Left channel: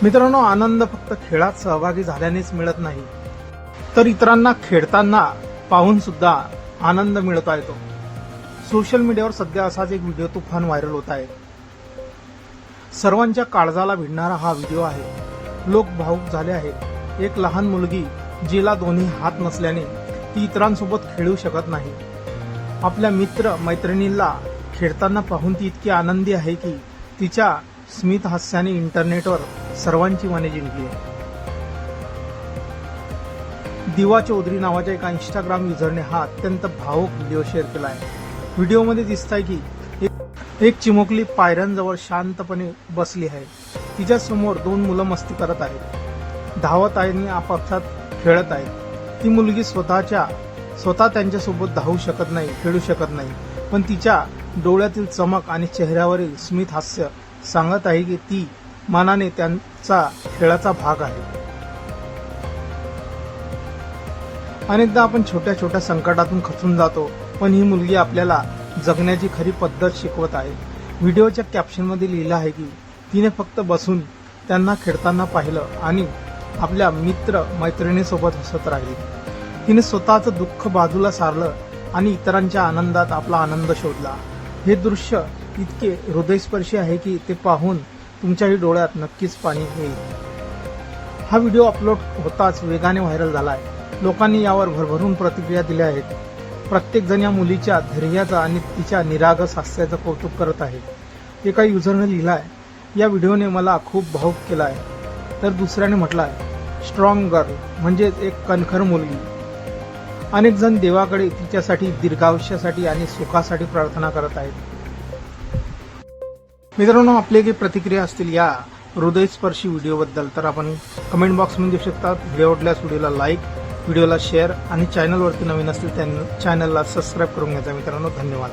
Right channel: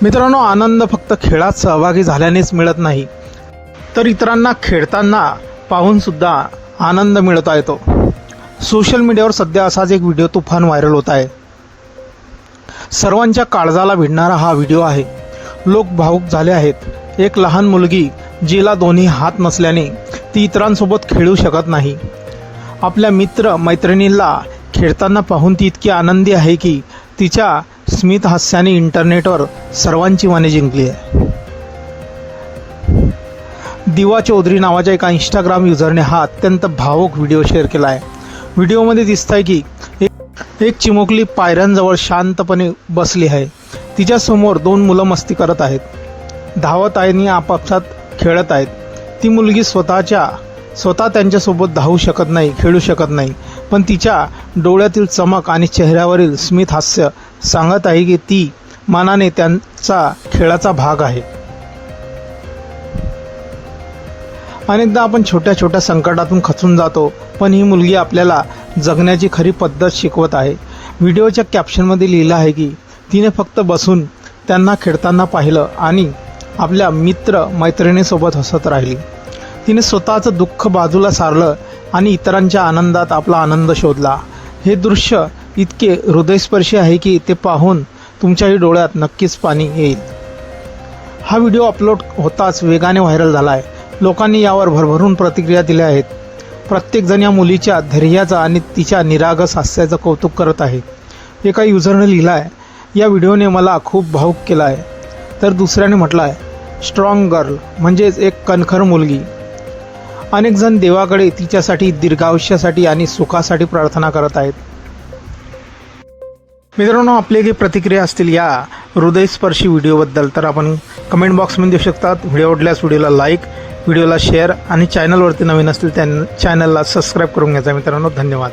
मित्रांनो, आनंद फक्त खेळात सहभागी झाल्यानेच मिळत नाही, तर इतरांना खेळताना पाहून सुद्धा आनंद मिळवता येतो. सोशल मीडियावर सध्या असाच एक व्हिडिओ तुफान व्हायरल होत आहे. सर्वांच्या काळजाला भिडणारा हा व्हिडिओ आहे. लोक भावुक झाले आहेत. एक लहान मुलगी जिला दोन्ही हात नसल्याने ती इतरांसोबत खेळू शकत नाही. आपल्या मित्र मैत्रिणींना खेळताना पाहून ती इतकी आनंदी आहे की तिच्या स्मित हास्याने इंटरनेटवर सर्वांची मने जिंकली आहे. दिवा चौधरी नावाच्या एका इंस्टाग्राम युजरने हा अत्यंत भावुक व्हिडिओ शेअर केला आहे. व्हिडिओमध्ये दिसत आहे की एक चिमुकली पायऱ्यांजवळ शांतपणे बसली आहे. तिच्या समोर 2 मुलं मस्ती करत आहेत, धावत आहेत आणि आपापसात खेळत आहेत. ती मुलगी स्वतः त्यांच्यासोबत धावू शकत नाही, खेळू शकत नाही, पण तिच्या डोळ्यातील चमक आणि चेहऱ्यावरील स्मित हास्य सांगत आहे की ती मनाने त्यांचा खेळाचा भाग आहे. अनेकदा आपण छोट्या छोट्या संकटातून खचून जातो, पण ही मुलगी आपल्याला जगण्याची खरी पद्धत शिकवत आहे. व्हिडिओच्या कॅप्शनमध्ये लिहिलं आहे की तिने फक्त बसून त्यांना खेळताना पाहिलं आणि आपल्या मित्र मैत्रिणीसोबत हसत राहिली. तिने स्वतःचं दुःख बाजूला सारलं आणि इतरांच्या आनंदात आपला आनंद शोधला. हे दृश्य इतके हृदयस्पर्शी आहे की ते पाहून तुमच्याही डोळ्यात नक्कीच पाणी येईल. हा व्हिडिओ अपलोड होताच वेगाने व्हायरल झाला आहे. लोकांनी यावर भरभरून प्रतिक्रिया दिल्या आहेत. प्रत्येकजण या मुलीच्या धैर्याचं आणि तिच्या निरागस हास्याचं कौतुक करत आहे. एका युजरने लिहिलं आहे, या व्हिडिओने मला खूप भावुक केलं आहे. तर दुसऱ्याने म्हटलं आहे, स्ट्रॉंग गर्ल, म्हणजेच एक कणखर मुलगी. अनेक जण देवाकडे तिच्यासाठी दीर्घायुष्यासाठी आणि सुखासाठी प्रार्थना करत आहेत. मित्रांनो, आपली काही प्रतिक्रिया असतील या हृदयस्पर्शी व्हिडिओबद्दल तर आपण कमेंट बॉक्समध्ये देऊ शकतात. व्हिडिओ आवडल्यास व्हिडिओला लाईक, व्हिडिओला शेअर आणि चॅनलवरती नवीन असतील त्या चॅनलला सबस्क्राईब करून घ्यायचा. मित्रांनो, धन्यवाद.